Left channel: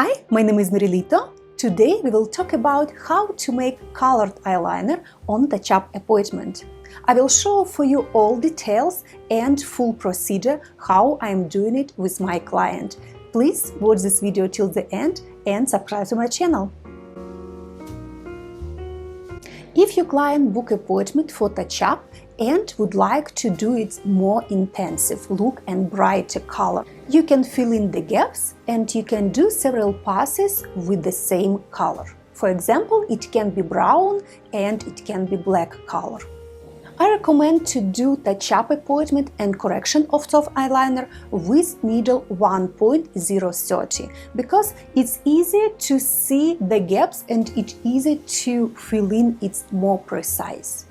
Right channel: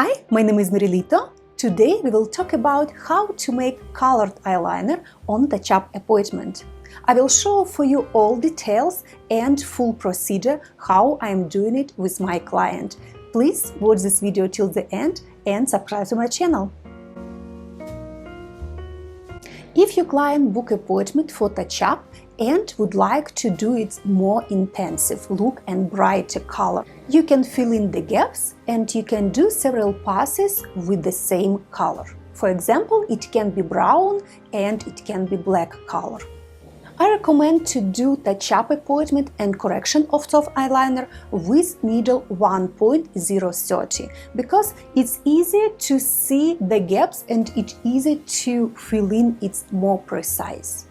Hi, my name is Lito. Today we will talk about how to make colored eyeliner on touch-up appointment. I will show for you all details and full procedure how I am doing it with my client. Please watch this video till the end and subscribe to my channel. If your client book appointment for touch-up and would like to do it more intensive look and brighter color, you can fill in the gaps and you can do several passes with the same color. For example, it can be brown and it can be black color. I recommend to do touch-up appointment and correction of soft eyeliner with needle 1.030 because it's easier to see the gaps and it's easier to fill in, it's more precise.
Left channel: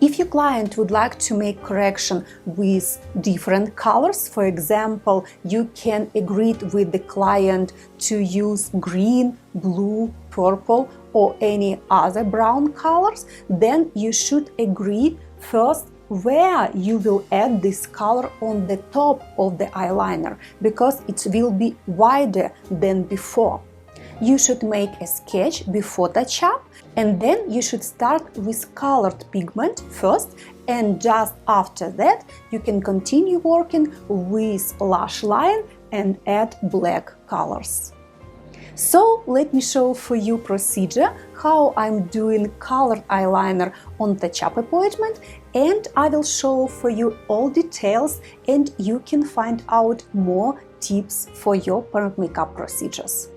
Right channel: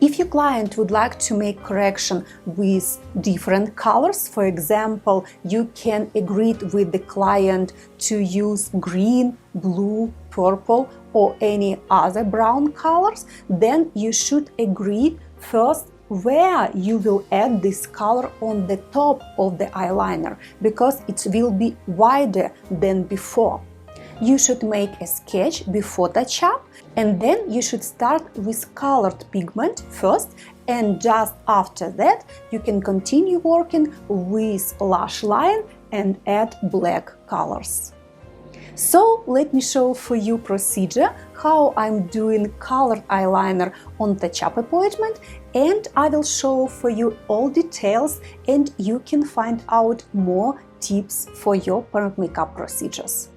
If your client would like to make correction with different colors, for example, you can agree with the client to use green, blue, purple or any other brown colors, then you should agree first where you will add this color on the top of the eyeliner because it will be wider than before. You should make a sketch before touch-up and then you should start with colored pigment first, and just after that you can continue working with lash line and add black colors. So let me show for you procedure how I'm doing colored eyeliner on touch-up appointment, and I will show for you all details and you can find out more tips for your permanent makeup procedures.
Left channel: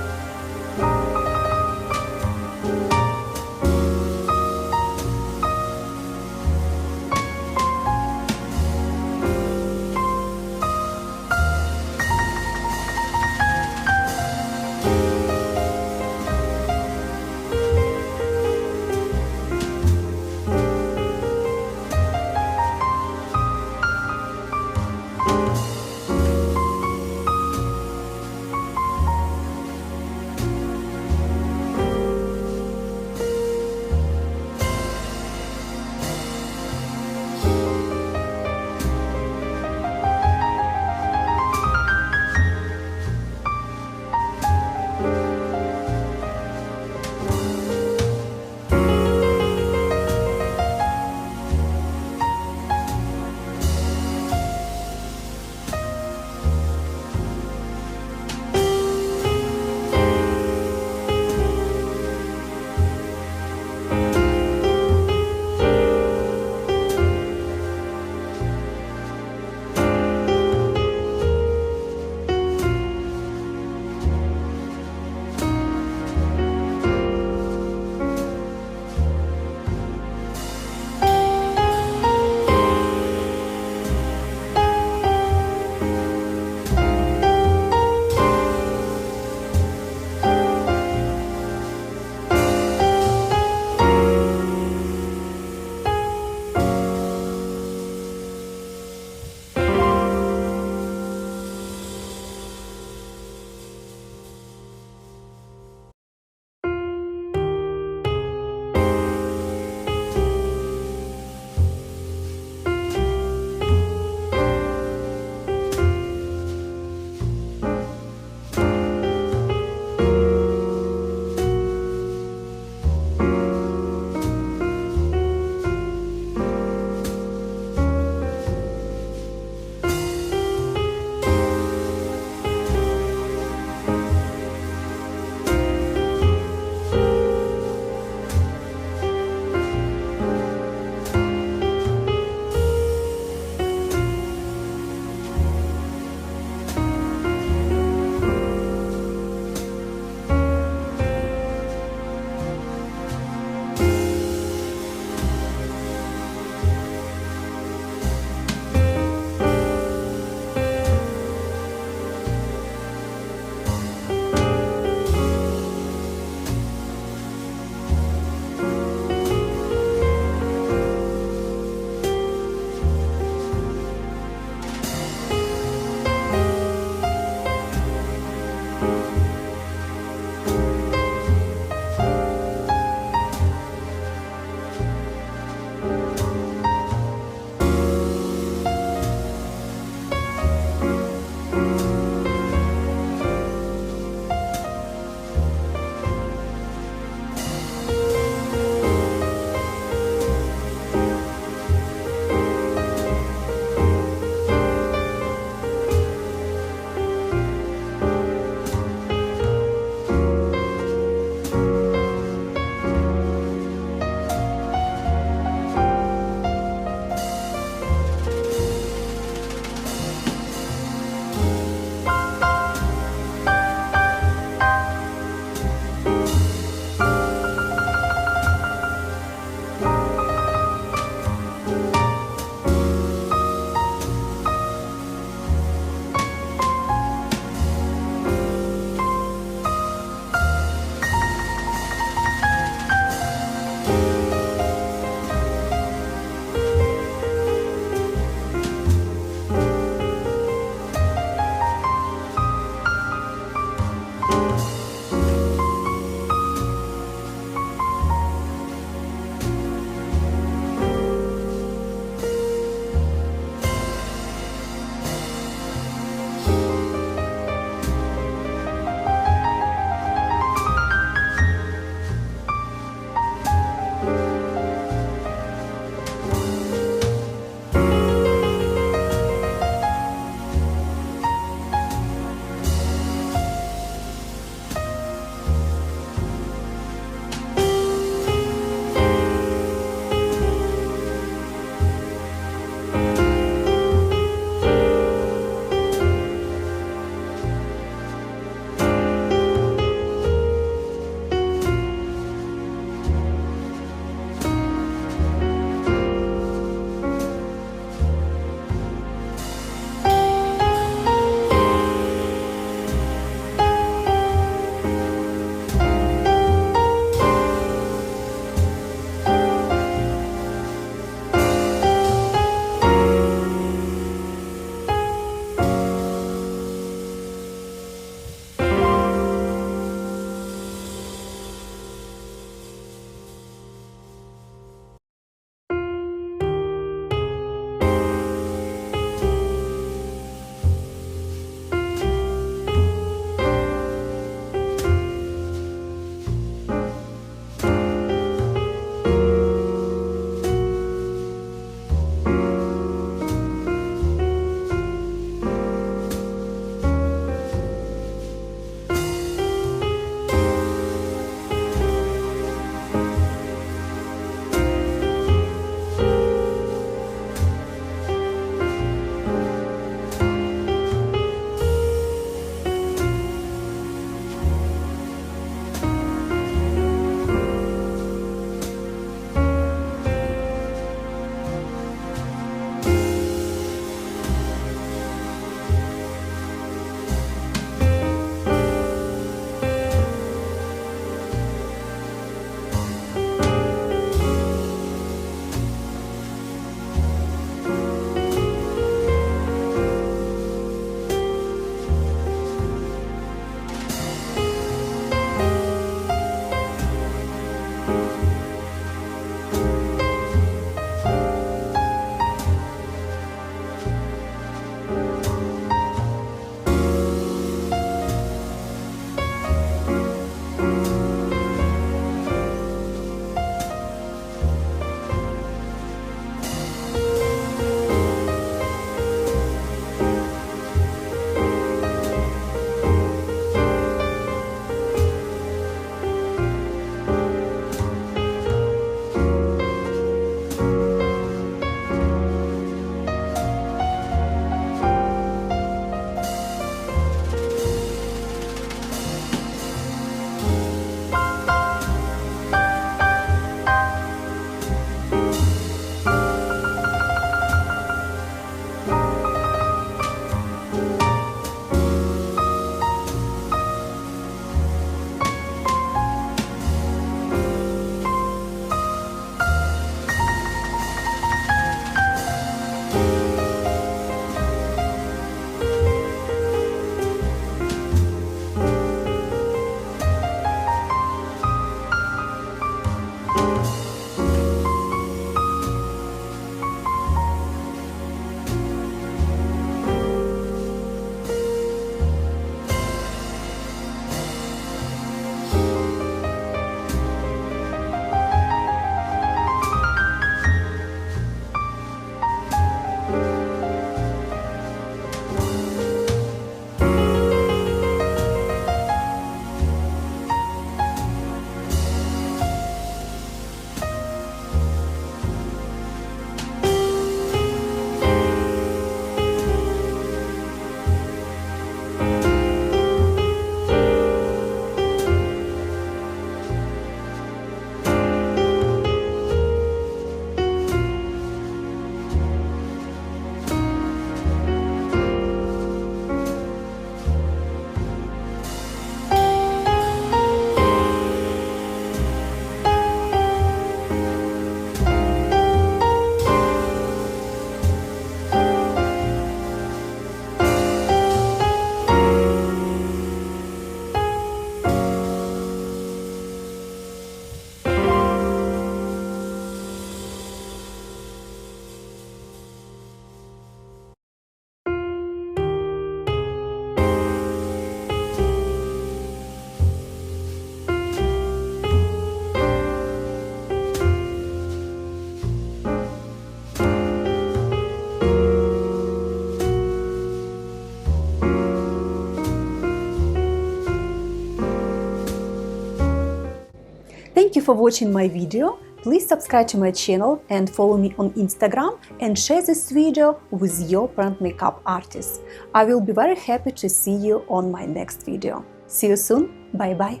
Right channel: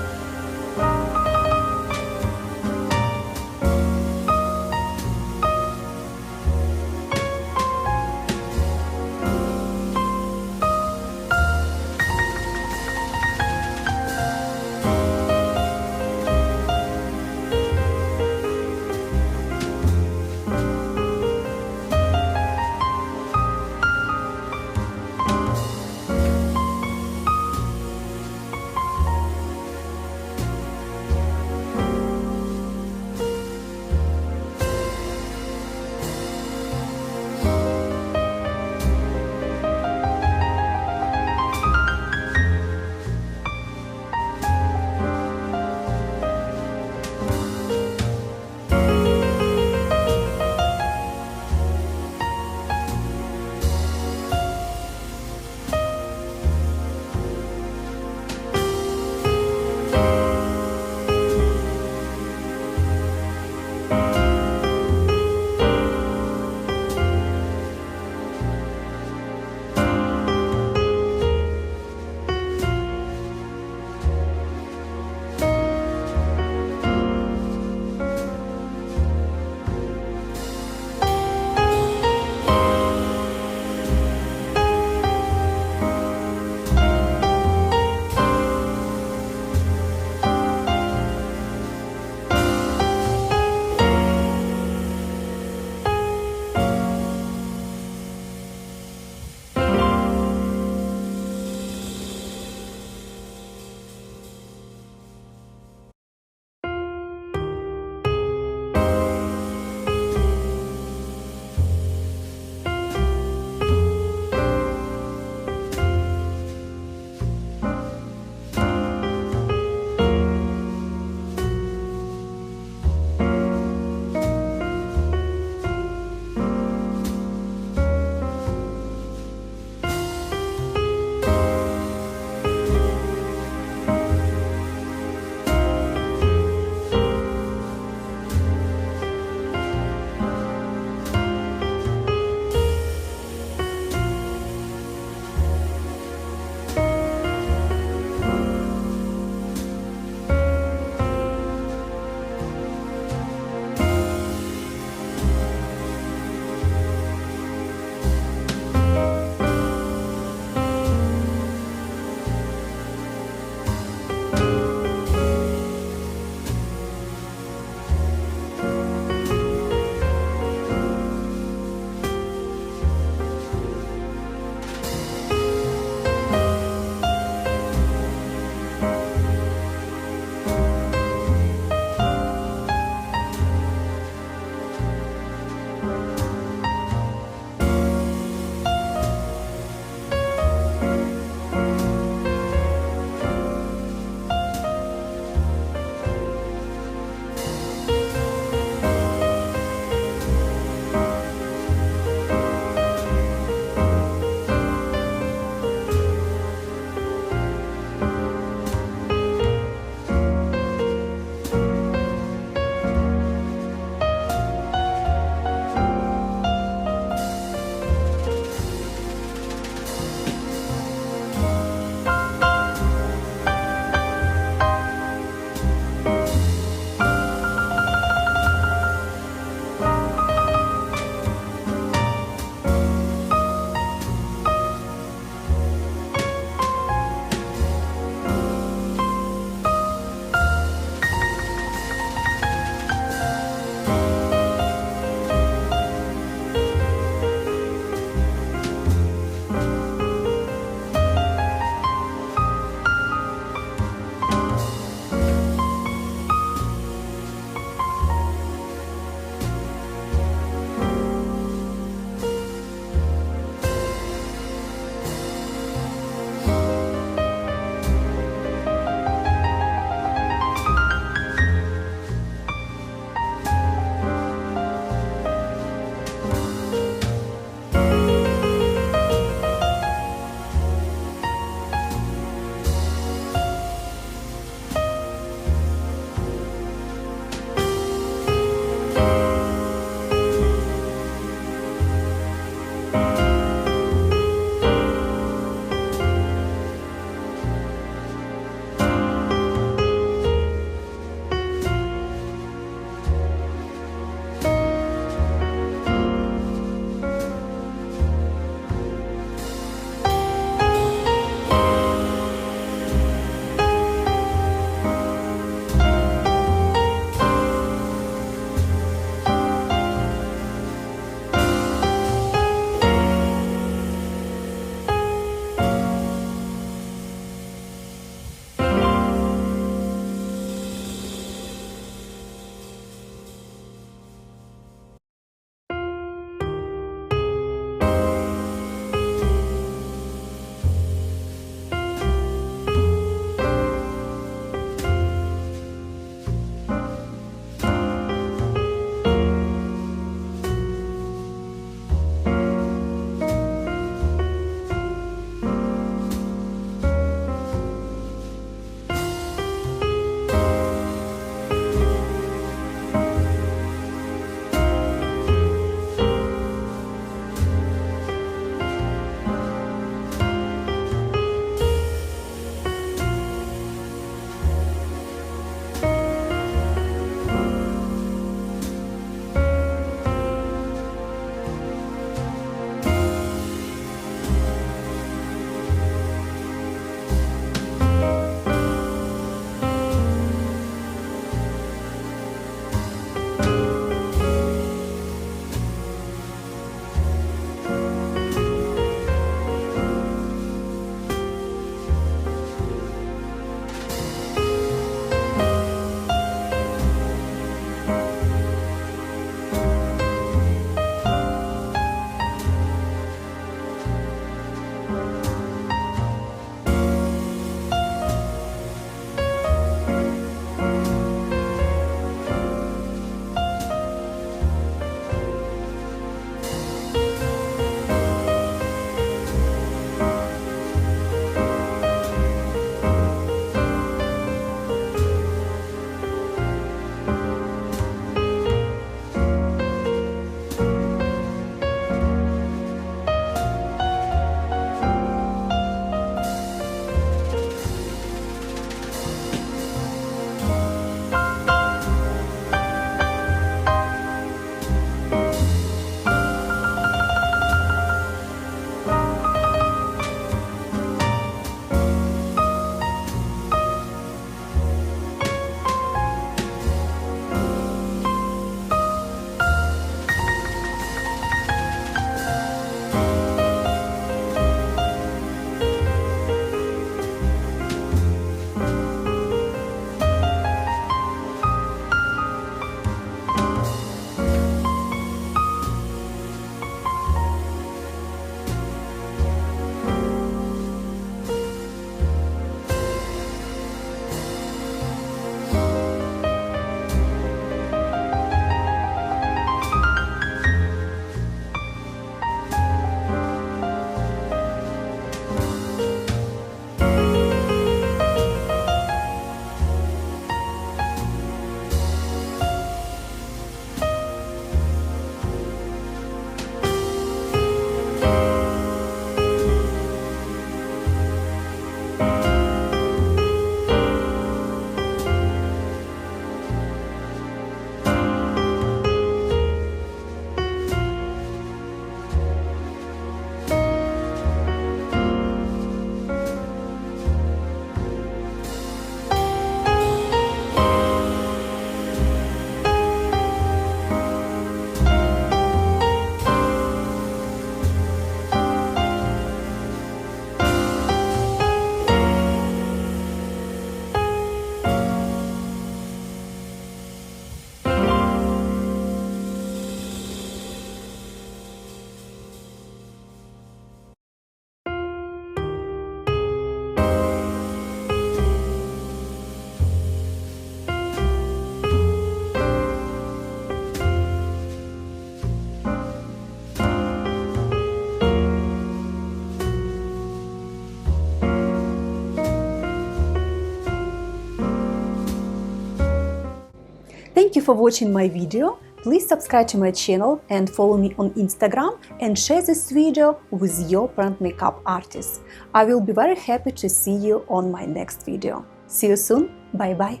Thank you for watching my video. Please subscribe to my channel and follow me on Instagram and share this video with your parent makeup artist. I will be very happy to see you on my next video. See you soon. Bye bye.